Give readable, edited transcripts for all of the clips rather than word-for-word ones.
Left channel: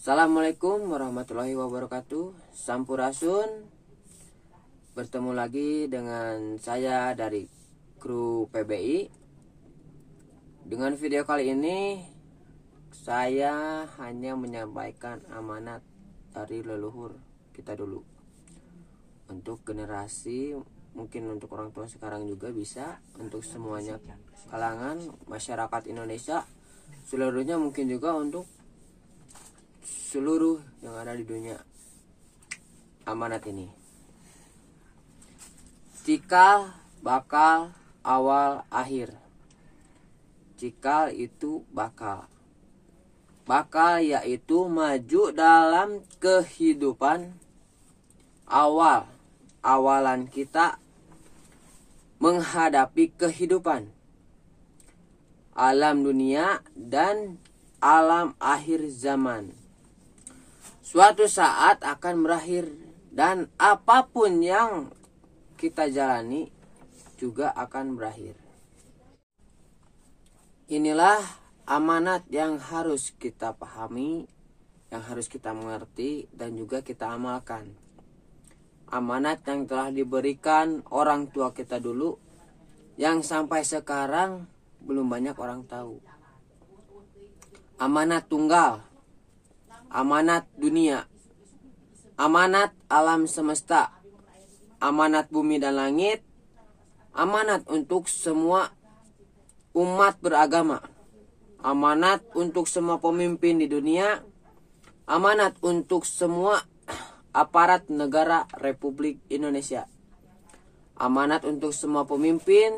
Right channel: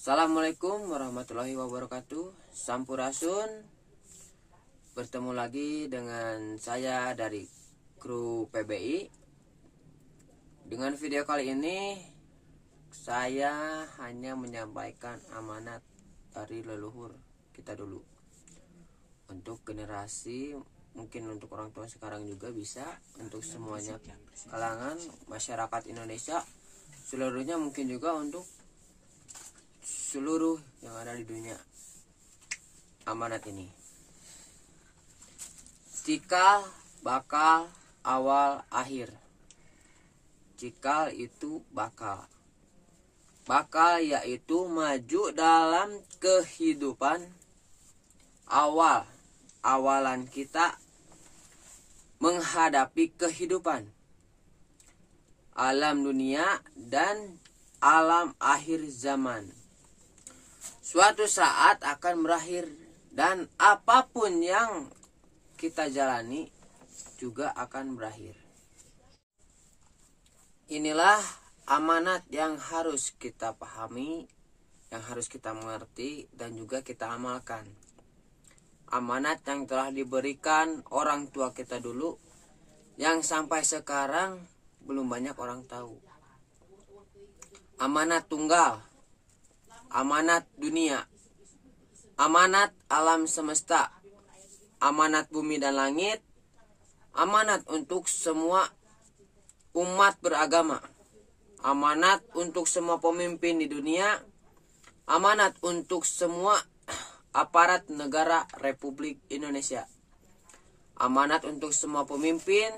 Assalamualaikum warahmatullahi wabarakatuh. Sampurasun. Bertemu lagi dengan saya dari kru PBI. Dengan video kali ini saya hanya menyampaikan amanat dari leluhur kita dulu. Untuk generasi, mungkin untuk orang tua sekarang juga bisa, untuk semuanya kalangan masyarakat Indonesia seluruhnya, mungkin juga untuk seluruh yang ada di dunia. Amanat ini: cikal bakal awal akhir. Cikal itu bakal. Bakal yaitu maju dalam kehidupan. Awalan kita menghadapi kehidupan, alam dunia dan alam akhir zaman. Suatu saat akan berakhir, dan apapun yang kita jalani juga akan berakhir. Inilah amanat yang harus kita pahami, yang harus kita mengerti dan juga kita amalkan. Amanat yang telah diberikan orang tua kita dulu, yang sampai sekarang belum banyak orang tahu. Amanat tunggal, amanat dunia, amanat alam semesta, amanat bumi dan langit, amanat untuk semua umat beragama, amanat untuk semua pemimpin di dunia, amanat untuk semua aparat negara Republik Indonesia, amanat untuk semua pemimpin,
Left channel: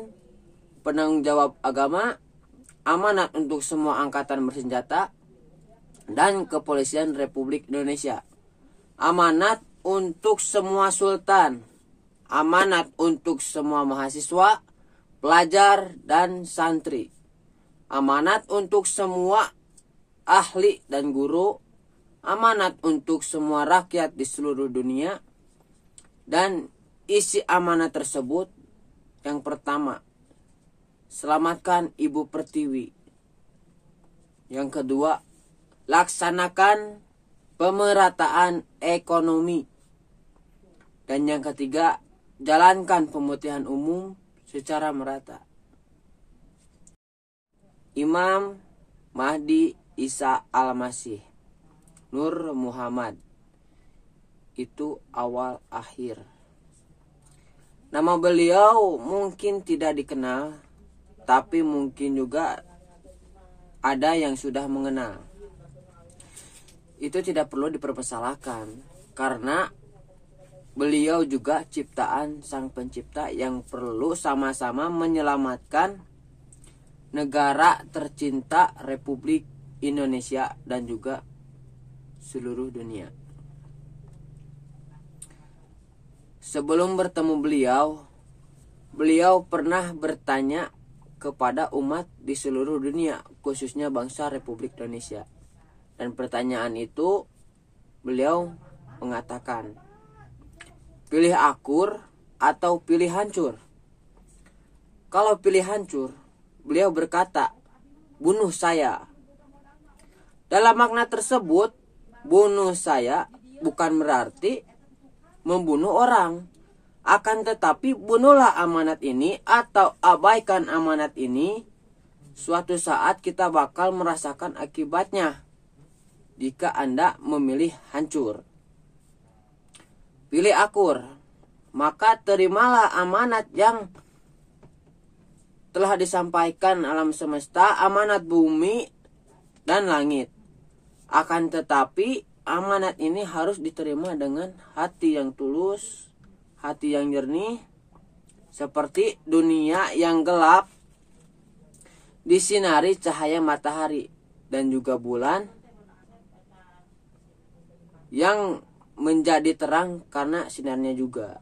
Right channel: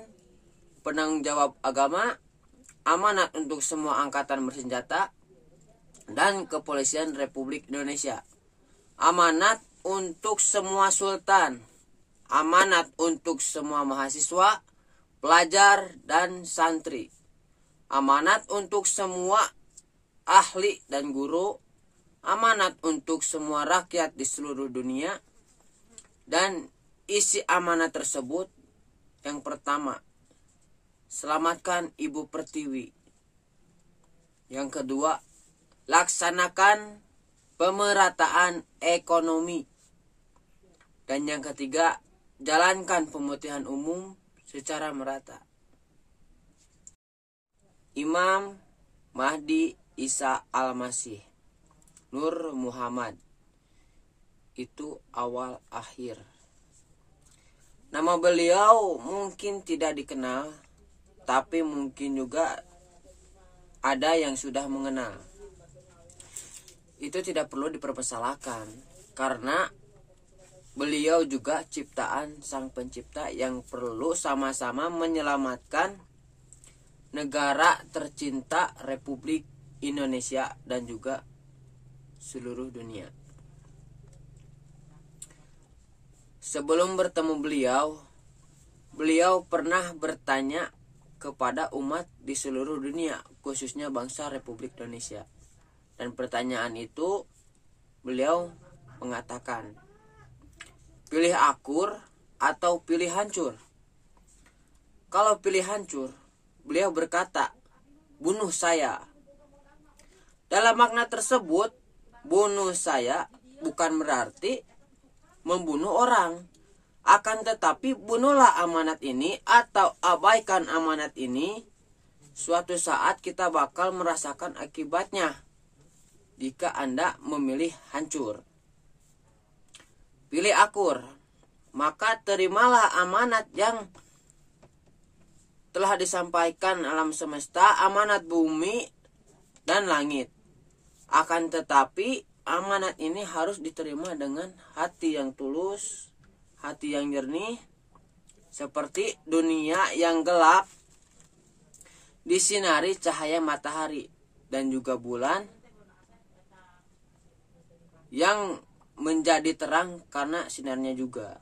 penanggung jawab agama, amanat untuk semua angkatan bersenjata dan kepolisian Republik Indonesia, amanat untuk semua sultan, amanat untuk semua mahasiswa, pelajar dan santri, amanat untuk semua ahli dan guru, amanat untuk semua rakyat di seluruh dunia. Dan isi amanat tersebut, yang pertama, selamatkan Ibu Pertiwi. Yang kedua, laksanakan pemerataan ekonomi. Dan yang ketiga, jalankan pemutihan umum secara merata. Imam Mahdi Isa Al-Masih Nur Muhammad, itu awal akhir. Nama beliau mungkin tidak dikenal, tapi mungkin juga ada yang sudah mengenal. Itu tidak perlu dipermasalahkan, karena beliau juga ciptaan Sang Pencipta yang perlu sama-sama menyelamatkan negara tercinta Republik Indonesia dan juga seluruh dunia. Sebelum bertemu beliau pernah bertanya kepada umat di seluruh dunia, khususnya bangsa Republik Indonesia. Dan pertanyaan itu beliau mengatakan, pilih akur atau pilih hancur? Kalau pilih hancur, beliau berkata, bunuh saya. Dalam makna tersebut, bunuh saya bukan berarti membunuh orang. Akan tetapi bunuhlah amanat ini atau abaikan amanat ini. Suatu saat kita bakal merasakan akibatnya jika Anda memilih hancur. Pilih akur, maka terimalah amanat yang telah disampaikan alam semesta, amanat bumi dan langit. Akan tetapi amanat ini harus diterima dengan hati yang tulus, hati yang jernih, seperti dunia yang gelap disinari cahaya matahari dan juga bulan yang menjadi terang karena sinarnya juga.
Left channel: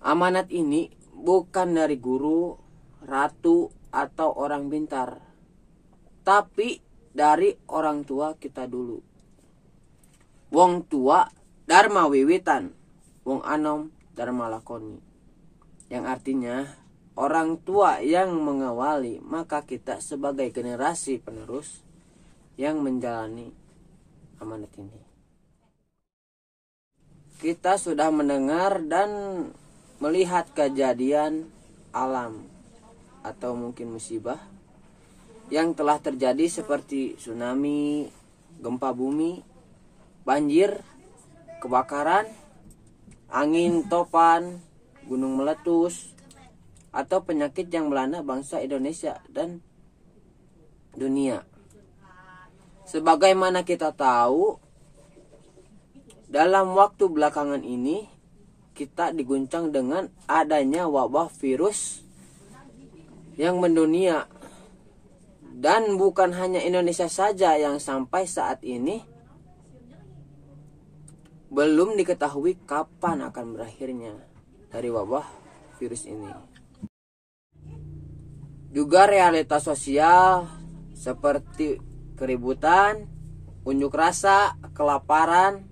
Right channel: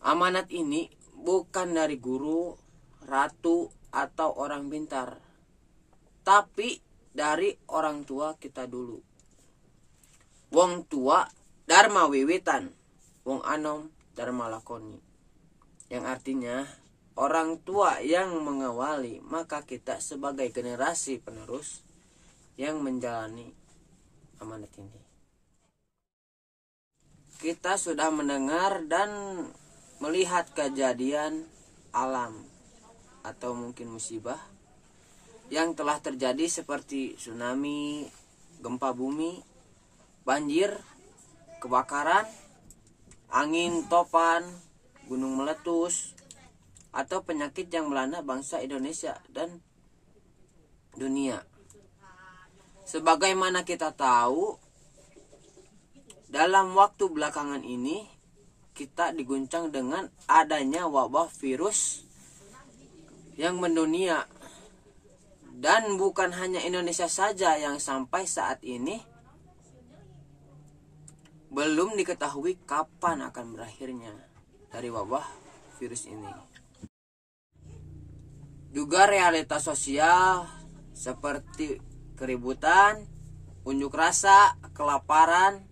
Amanat ini bukan dari guru, ratu, atau orang pintar, tapi dari orang tua kita dulu. Wong tua dharma wiwitan, wong anom dharma lakoni. Yang artinya orang tua yang mengawali, maka kita sebagai generasi penerus yang menjalani. amanat ini. Kita sudah mendengar dan melihat kejadian alam atau mungkin musibah yang telah terjadi seperti tsunami, gempa bumi, banjir, kebakaran, angin topan, gunung meletus, atau penyakit yang melanda bangsa Indonesia dan dunia. Sebagaimana kita tahu, dalam waktu belakangan ini kita diguncang dengan adanya wabah virus yang mendunia. Dan bukan hanya Indonesia saja yang sampai saat ini belum diketahui kapan akan berakhirnya dari wabah virus ini. Juga realitas sosial seperti keributan, unjuk rasa, kelaparan,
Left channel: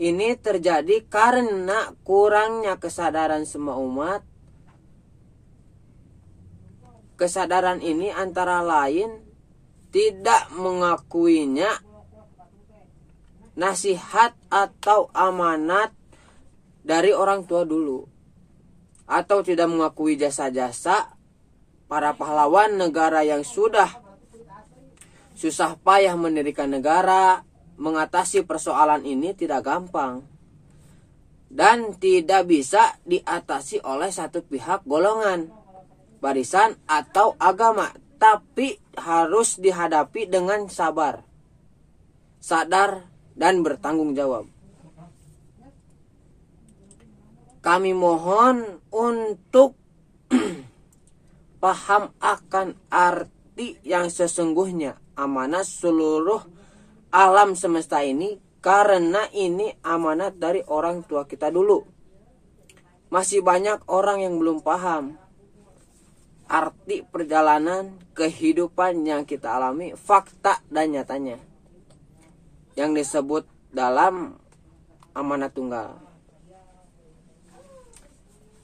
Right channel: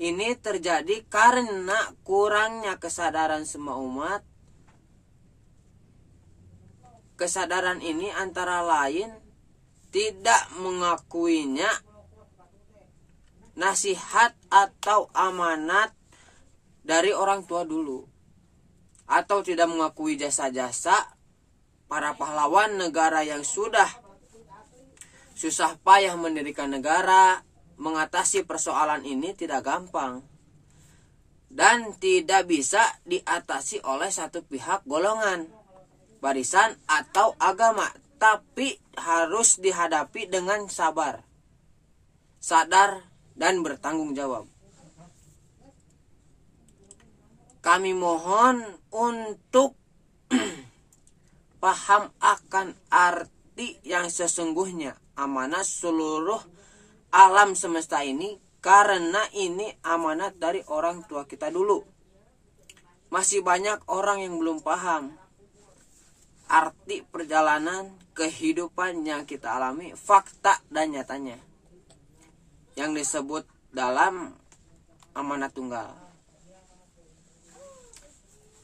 ini terjadi karena kurangnya kesadaran semua umat. Kesadaran ini antara lain tidak mengakuinya nasihat atau amanat dari orang tua dulu, atau tidak mengakui jasa-jasa para pahlawan negara yang sudah susah payah mendirikan negara. Mengatasi persoalan ini tidak gampang dan tidak bisa diatasi oleh satu pihak, golongan, barisan, atau agama, tapi harus dihadapi dengan sabar, sadar, dan bertanggung jawab. Kami mohon untuk paham akan arti yang sesungguhnya amanat seluruh alam semesta ini, karena ini amanat dari orang tua kita dulu. Masih banyak orang yang belum paham arti perjalanan kehidupan yang kita alami, fakta dan nyatanya yang disebut dalam amanat tunggal.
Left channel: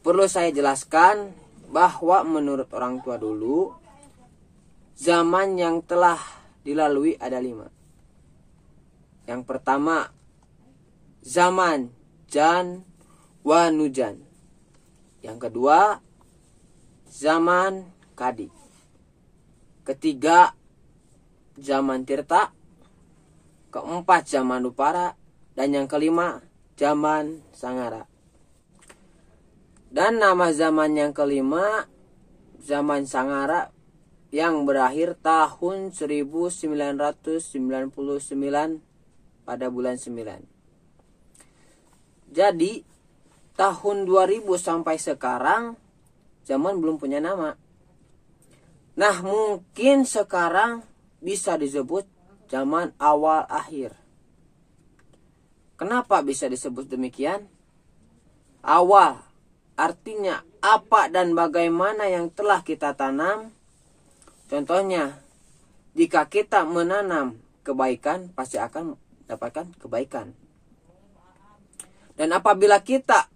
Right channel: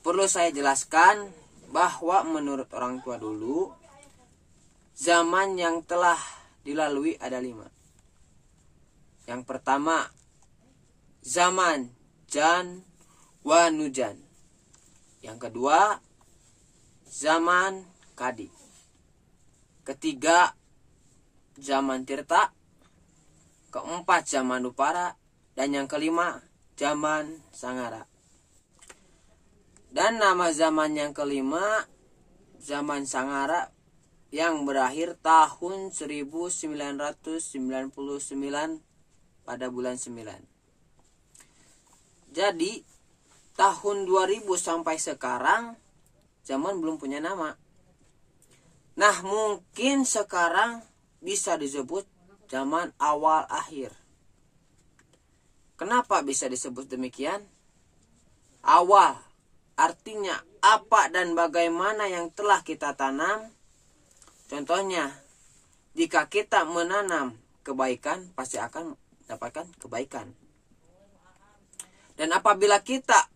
Perlu saya jelaskan bahwa menurut orang tua dulu, zaman yang telah dilalui ada 5. Yang pertama, zaman Jan wa Nujan. Yang kedua, zaman Kadi. Ketiga, zaman Tirta. Keempat, zaman Dupara. Dan yang kelima, zaman Sangara. Dan nama zaman yang kelima, zaman Sangara, yang berakhir tahun 1999 pada bulan 9. Jadi tahun 2000 sampai sekarang zaman belum punya nama. Nah, mungkin sekarang bisa disebut zaman awal akhir. Kenapa bisa disebut demikian? Awal artinya apa dan bagaimana yang telah kita tanam. Contohnya, jika kita menanam kebaikan, pasti akan dapatkan kebaikan. Dan apabila kita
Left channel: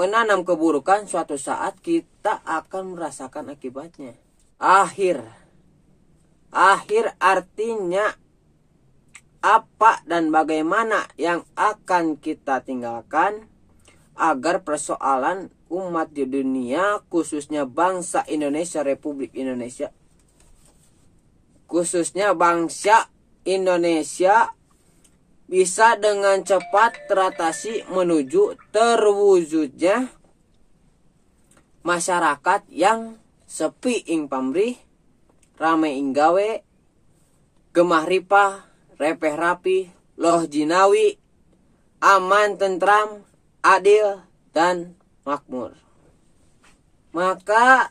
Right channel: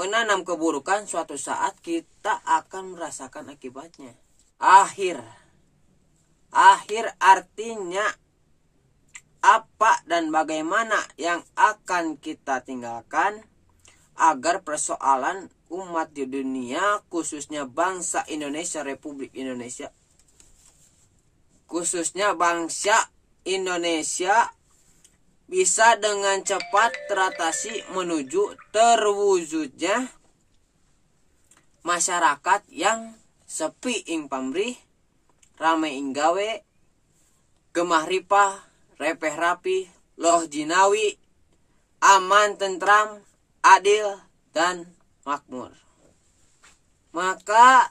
menanam keburukan, suatu saat kita akan merasakan akibatnya. Akhir artinya apa dan bagaimana yang akan kita tinggalkan agar persoalan umat di dunia, khususnya bangsa Indonesia, Republik Indonesia, khususnya bangsa Indonesia, bisa dengan cepat teratasi menuju terwujudnya masyarakat yang sepi ing pamrih, rame ing gawe, gemah ripah, repeh rapi, loh jinawi, aman tentram, adil, dan makmur. Maka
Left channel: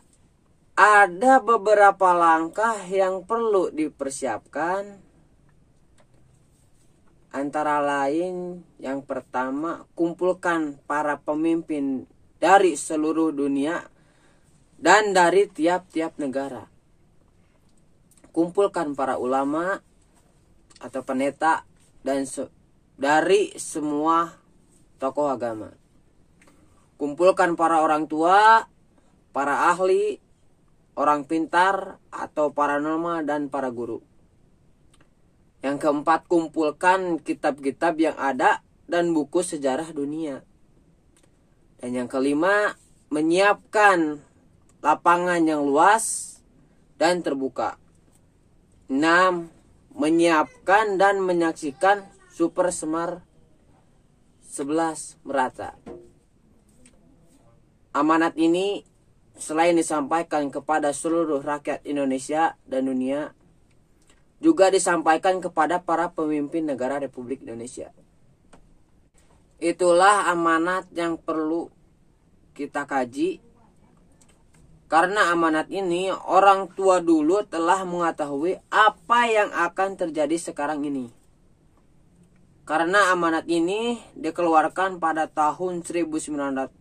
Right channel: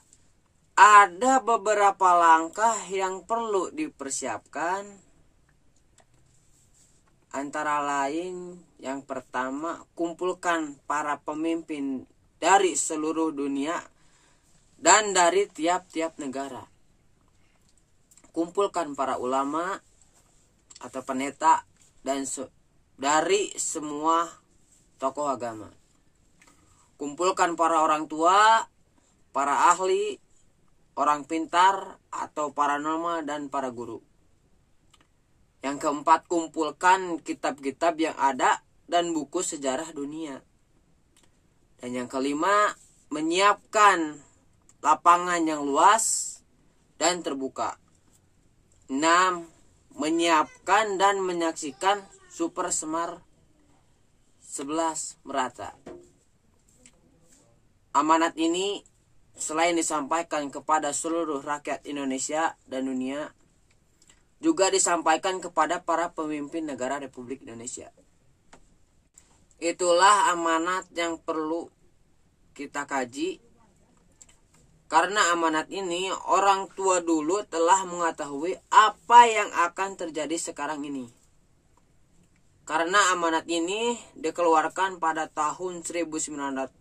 ada beberapa langkah yang perlu dipersiapkan. Antara lain, yang pertama, kumpulkan para pemimpin dari seluruh dunia dan dari tiap-tiap negara. Kumpulkan para ulama atau pendeta dan dari semua tokoh agama. Kumpulkan para orang tua, para ahli, orang pintar atau paranormal, dan para guru. Yang keempat, kumpulkan kitab-kitab yang ada dan buku sejarah dunia. Dan yang kelima, menyiapkan lapangan yang luas dan terbuka. 6. Menyiapkan dan menyaksikan Super Semar 11 merata. Amanat ini selain disampaikan kepada seluruh rakyat Indonesia dan dunia, juga disampaikan kepada para pemimpin negara Republik Indonesia. Itulah amanat yang perlu kita kaji. Karena amanat ini orang tua dulu telah mengetahui apa yang akan terjadi sekarang ini. Karena amanat ini dikeluarkan pada tahun 1921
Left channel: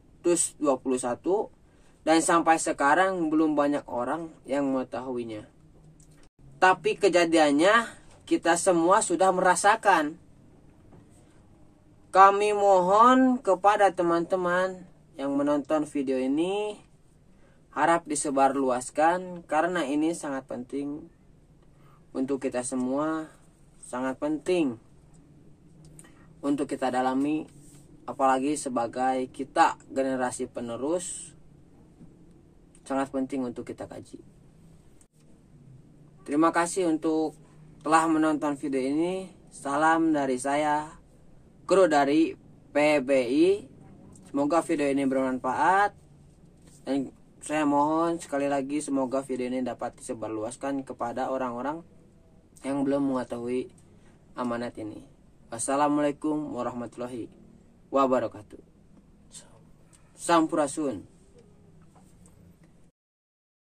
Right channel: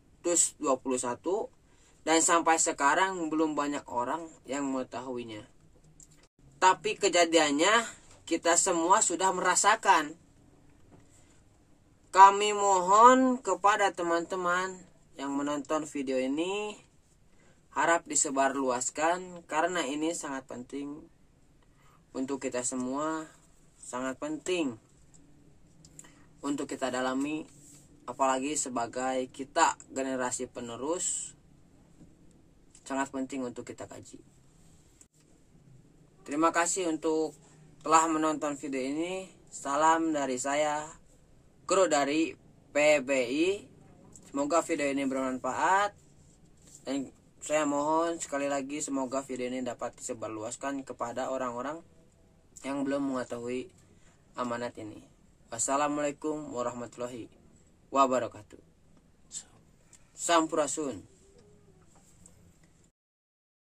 dan sampai sekarang belum banyak orang yang mengetahuinya. Tapi kejadiannya kita semua sudah merasakan. Kami mohon kepada teman-teman yang menonton video ini, harap disebarluaskan karena ini sangat penting untuk kita semua, sangat penting untuk kita dalami, apalagi sebagai kita generasi penerus, sangat penting untuk kita kaji. Terima kasih untuk telah menonton video ini. Salam dari saya, Kru dari PBI. Semoga video ini bermanfaat. Dan saya mohon sekali lagi semoga video ini dapat disebarluaskan kepada orang-orang yang belum mengetahui amanat ini. Wassalamualaikum warahmatullahi wabarakatuh. Sampurasun.